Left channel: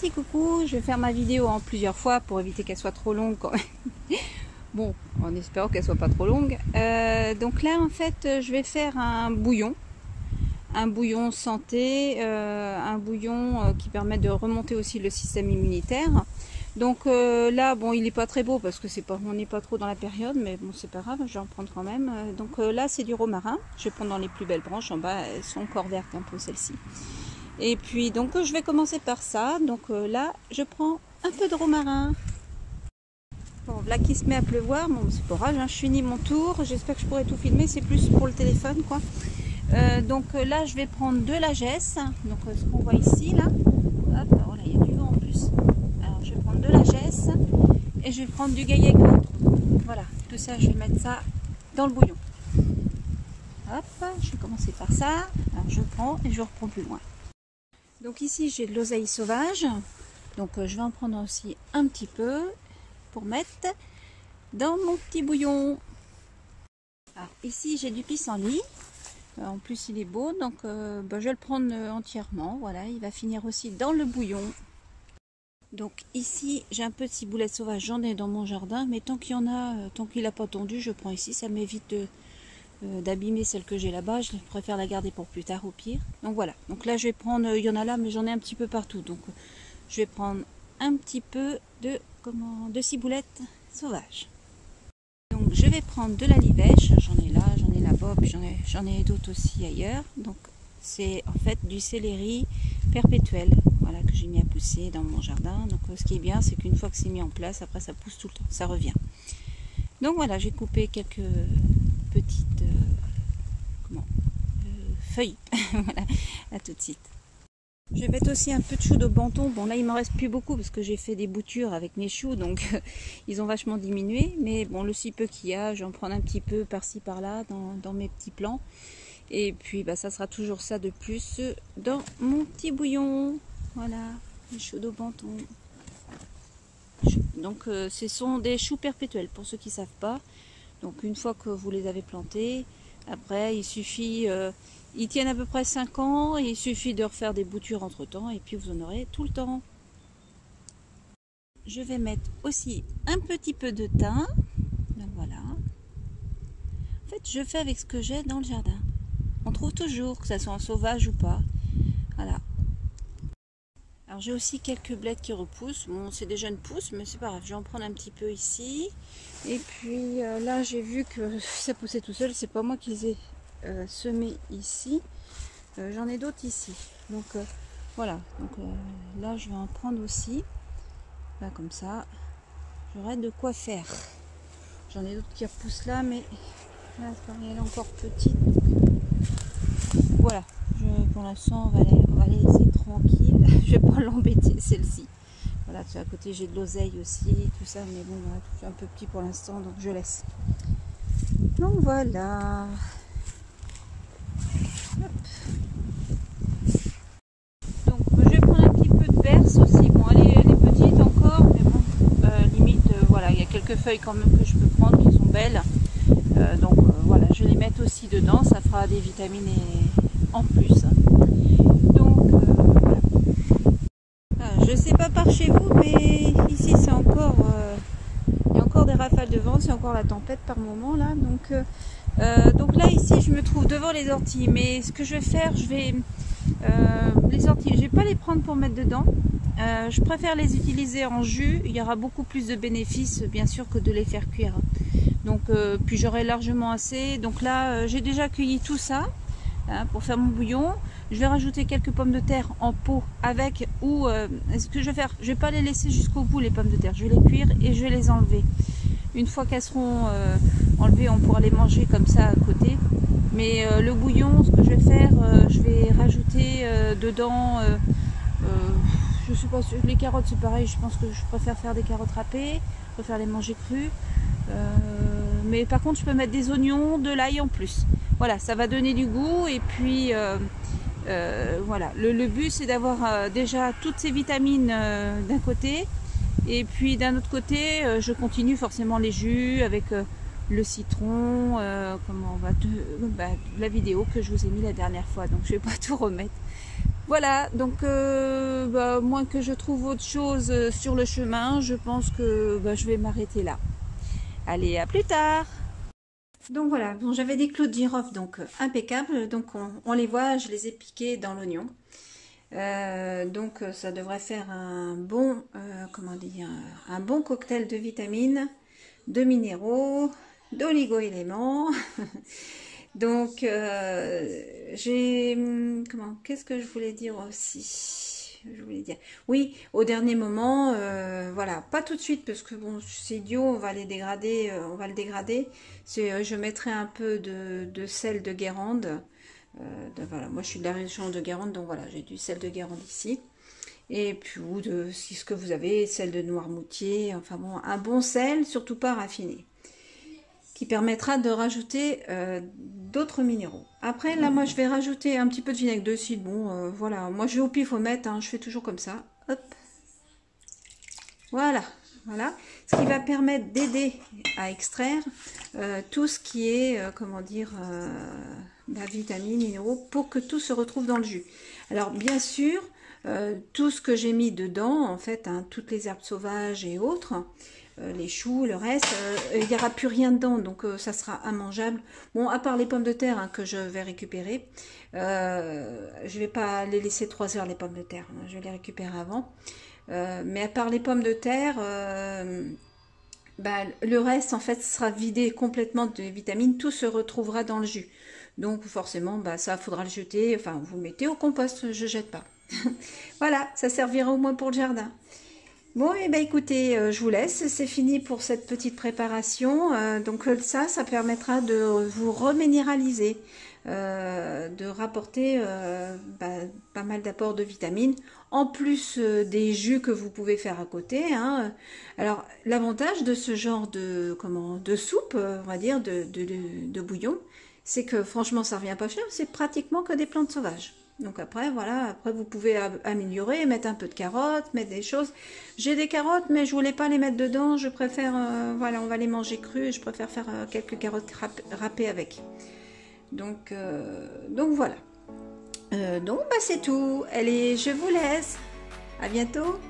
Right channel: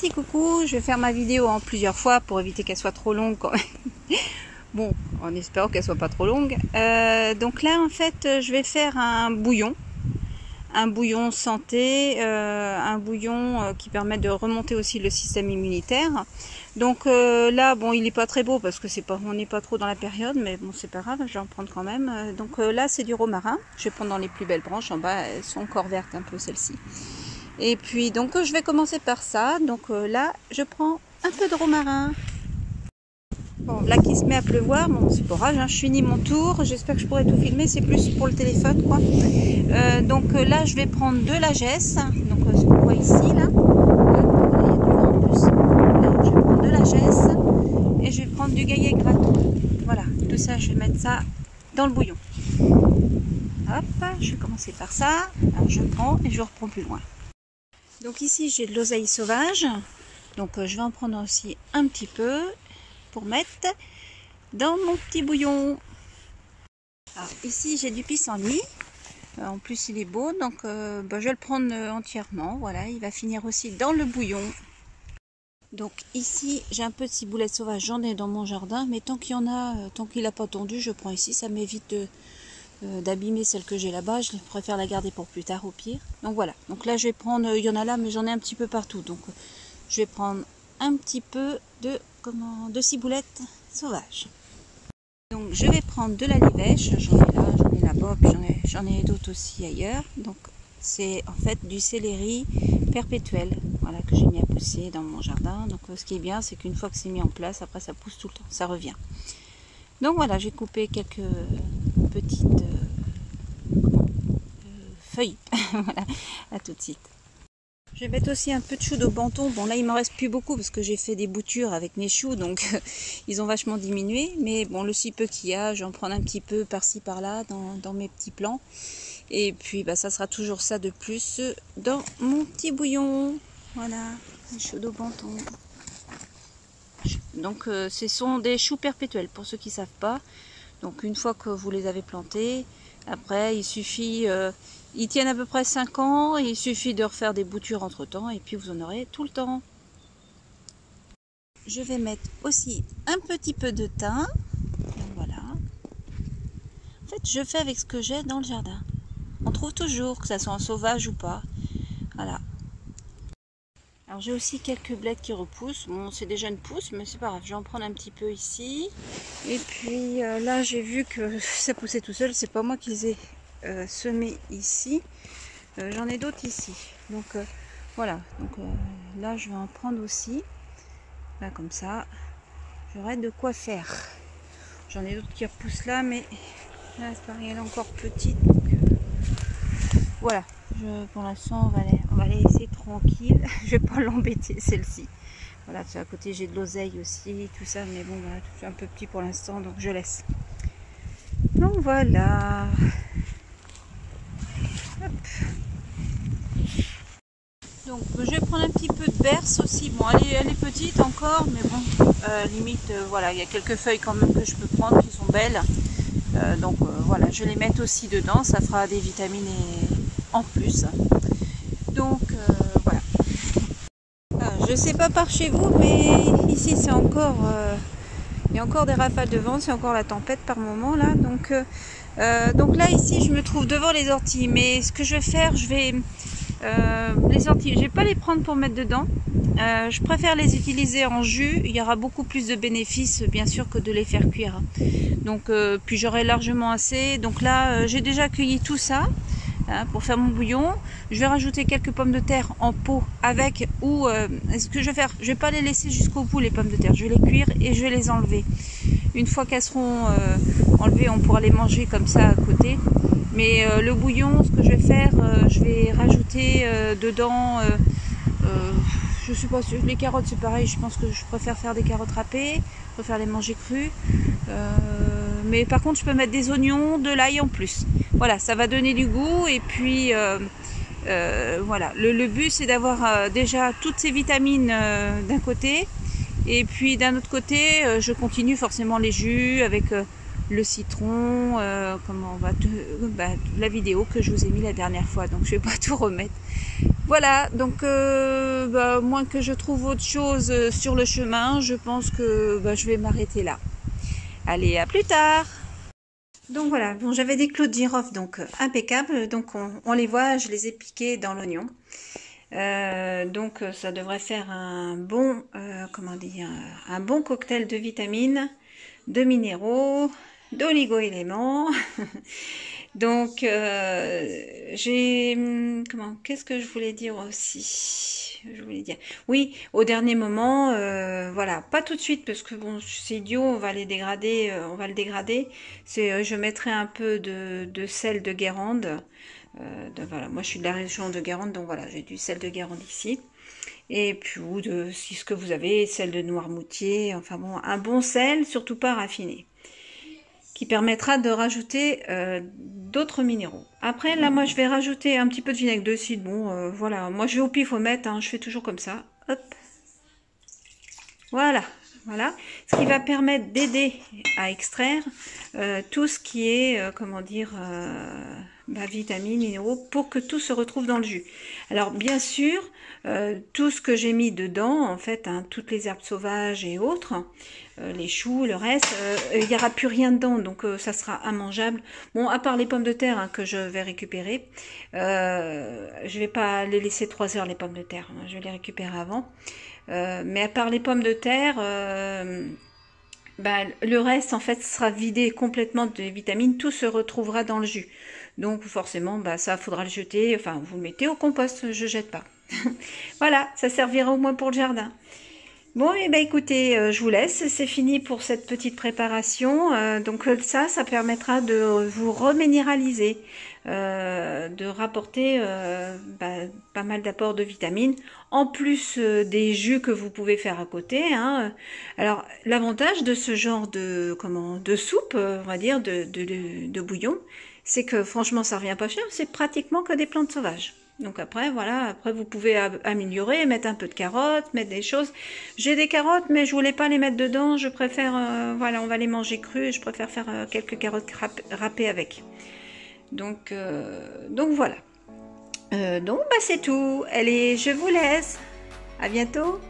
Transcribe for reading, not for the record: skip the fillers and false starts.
petit coucou, je vais faire ma vidéo en plusieurs fois pour éviter qu'elle soit trop longue quand même. Bon, en espérant qu'elle soit pas trop longue. Donc là en fait je vais faire un bouillon santé, un bouillon qui permet de remonter aussi le système immunitaire. Donc là bon, il n'est pas très beau parce que on n'est pas trop dans la période, mais bon c'est pas grave, je vais en prendre quand même. Donc là c'est du romarin, je vais prendre dans les plus belles branches, en bas elles sont encore vertes un peu celles-ci. Et puis donc je vais commencer par ça. Donc là je prends un peu de romarin. Bon, là qui se met à pleuvoir, bon c'est pas grave, hein, je finis mon tour, j'espère que je pourrai tout filmer, c'est plus pour le téléphone quoi. Donc là je vais prendre de la gesse, donc ce qu'on voit ici là, là il y a du vent en plus. Là, je vais prendre de la gesse et je vais prendre du gaillet gratton. Voilà, tout ça je vais mettre ça dans le bouillon. Hop, je vais commencer par ça, alors je prends et je reprends plus loin. Donc ici j'ai de l'oseille sauvage, donc je vais en prendre aussi un petit peu pour mettre dans mon petit bouillon. Alors ici j'ai du pissenlit, en plus il est beau, donc je vais le prendre entièrement, voilà, il va finir aussi dans le bouillon. Donc ici j'ai un peu de ciboulette sauvage, j'en ai dans mon jardin, mais tant qu'il y en a, tant qu'il n'a pas tondu, je prends ici, ça m'évite d'abîmer celle que j'ai là-bas, je préfère la garder pour plus tard au pire. Donc voilà, donc là je vais prendre, il y en a là mais j'en ai un petit peu partout, donc je vais prendre un petit peu de ciboulette sauvage. Donc je vais prendre de la livèche, j'en ai là, j'en ai là-bas, puis j'en ai d'autres aussi ailleurs. Donc c'est en fait du céleri perpétuel, voilà, que j'ai mis à pousser dans mon jardin. Donc ce qui est bien, c'est qu'une fois que c'est mis en place, après ça pousse tout le temps, ça revient. Donc voilà, j'ai coupé quelques petites feuilles. Voilà, à tout de suite. Je vais mettre aussi un peu de choux de Banton. Bon là il m'en reste plus beaucoup parce que j'ai fait des boutures avec mes choux, donc ils ont vachement diminué. Mais bon, le si peu qu'il y a, j'en prends un petit peu par-ci par-là dans mes petits plants. Et puis bah, ça sera toujours ça de plus dans mon petit bouillon. Voilà, les choux de Banton. Donc ce sont des choux perpétuels pour ceux qui ne savent pas. Donc une fois que vous les avez plantés, après il suffit, ils tiennent à peu près 5 ans, et il suffit de refaire des boutures entre temps et puis vous en aurez tout le temps. Je vais mettre aussi un petit peu de thym. Donc voilà. En fait je fais avec ce que j'ai dans le jardin. On trouve toujours, que ça soit en sauvage ou pas. Voilà. Alors j'ai aussi quelques blettes qui repoussent. Bon, c'est des jeunes pousses, mais c'est pas grave. Je vais en prendre un petit peu ici. Et puis là, j'ai vu que ça poussait tout seul. C'est pas moi qui les ai semés ici. J'en ai d'autres ici. Donc voilà. Donc là, je vais en prendre aussi. Là, comme ça, j'aurai de quoi faire. J'en ai d'autres qui repoussent là, mais là, c'est pareil, elle est encore petite. Donc voilà. Pour l'instant, on va les laisser tranquille. Je vais pas l'embêter celle-ci. Voilà, à côté j'ai de l'oseille aussi, tout ça, mais bon, voilà, tout est un peu petit pour l'instant, donc je laisse. Donc voilà. Hop. Donc je vais prendre un petit peu de berce aussi. Bon, elle est petite encore, mais bon, limite, voilà, il y a quelques feuilles quand même que je peux prendre qui sont belles. Donc voilà, je vais les mettre aussi dedans, ça fera des vitamines en plus. Donc voilà. Je sais pas par chez vous, mais ici c'est encore il y a encore des rafales de vent, c'est encore la tempête par moment là. Donc là ici je me trouve devant les orties, mais ce que je vais faire, je vais les orties, je vais pas les prendre pour mettre dedans. Je préfère les utiliser en jus, il y aura beaucoup plus de bénéfices bien sûr que de les faire cuire. Donc puis j'aurai largement assez. Donc là j'ai déjà cueilli tout ça. Pour faire mon bouillon, je vais rajouter quelques pommes de terre en pot avec, ou ce que je vais faire, je vais pas les laisser jusqu'au bout les pommes de terre, je vais les cuire et je vais les enlever. Une fois qu'elles seront enlevées, on pourra les manger comme ça à côté. Mais le bouillon, ce que je vais faire, je vais rajouter dedans, je sais pas, les carottes c'est pareil, je pense que je préfère faire des carottes râpées, je préfère les manger crues. Mais par contre je peux mettre des oignons, de l'ail en plus. Voilà, ça va donner du goût et puis voilà, le but c'est d'avoir déjà toutes ces vitamines d'un côté et puis d'un autre côté je continue forcément les jus avec le citron, comment on va la vidéo que je vous ai mis la dernière fois, donc je vais pas tout remettre. Voilà, donc moins que je trouve autre chose sur le chemin, je pense que je vais m'arrêter là. Allez, à plus tard. Donc voilà, bon, j'avais des clous de girofle donc impeccables, donc on les voit, je les ai piqués dans l'oignon. Donc ça devrait faire un bon, comment dire, un bon cocktail de vitamines, de minéraux, d'oligo-éléments. Donc qu'est-ce que je voulais dire aussi? Je voulais dire, oui, au dernier moment, voilà, pas tout de suite parce que bon, c'est idiot, on va les dégrader, on va le dégrader. Je mettrai un peu de sel de Guérande. Voilà, moi je suis de la région de Guérande, donc voilà, j'ai du sel de Guérande ici. Et puis, ou de, si ce que vous avez, sel de Noirmoutier, enfin bon, un bon sel, surtout pas raffiné, qui permettra de rajouter d'autres minéraux. Après, là, moi je vais rajouter un petit peu de vinaigre de cidre, bon, voilà, moi je vais au pifomètre, hein, je fais toujours comme ça, hop, voilà. Voilà, ce qui va permettre d'aider à extraire tout ce qui est, comment dire, vitamines, minéraux, pour que tout se retrouve dans le jus. Alors bien sûr, tout ce que j'ai mis dedans, en fait, hein, toutes les herbes sauvages et autres, les choux, le reste, il n'y aura plus rien dedans, donc ça sera immangeable. Bon, à part les pommes de terre hein, que je vais récupérer, je vais pas les laisser 3 heures les pommes de terre, hein, je vais les récupérer avant. Mais à part les pommes de terre, le reste en fait sera vidé complètement de vitamines, tout se retrouvera dans le jus. Donc forcément, ça faudra le jeter, enfin vous le mettez au compost, je jette pas. Voilà, ça servira au moins pour le jardin. Bon, et écoutez, je vous laisse, c'est fini pour cette petite préparation. Donc ça permettra de vous reminéraliser, de rapporter pas mal d'apports de vitamines, en plus des jus que vous pouvez faire à côté. Hein. Alors l'avantage de ce genre de soupe, on va dire, de bouillon, c'est que franchement ça revient pas cher, c'est pratiquement que des plantes sauvages. Donc après, voilà, après vous pouvez améliorer, mettre un peu de carottes, mettre des choses. J'ai des carottes, mais je voulais pas les mettre dedans. Je préfère, voilà, on va les manger crues et je préfère faire quelques carottes râpées avec. Donc voilà. Donc c'est tout. Allez, je vous laisse. À bientôt.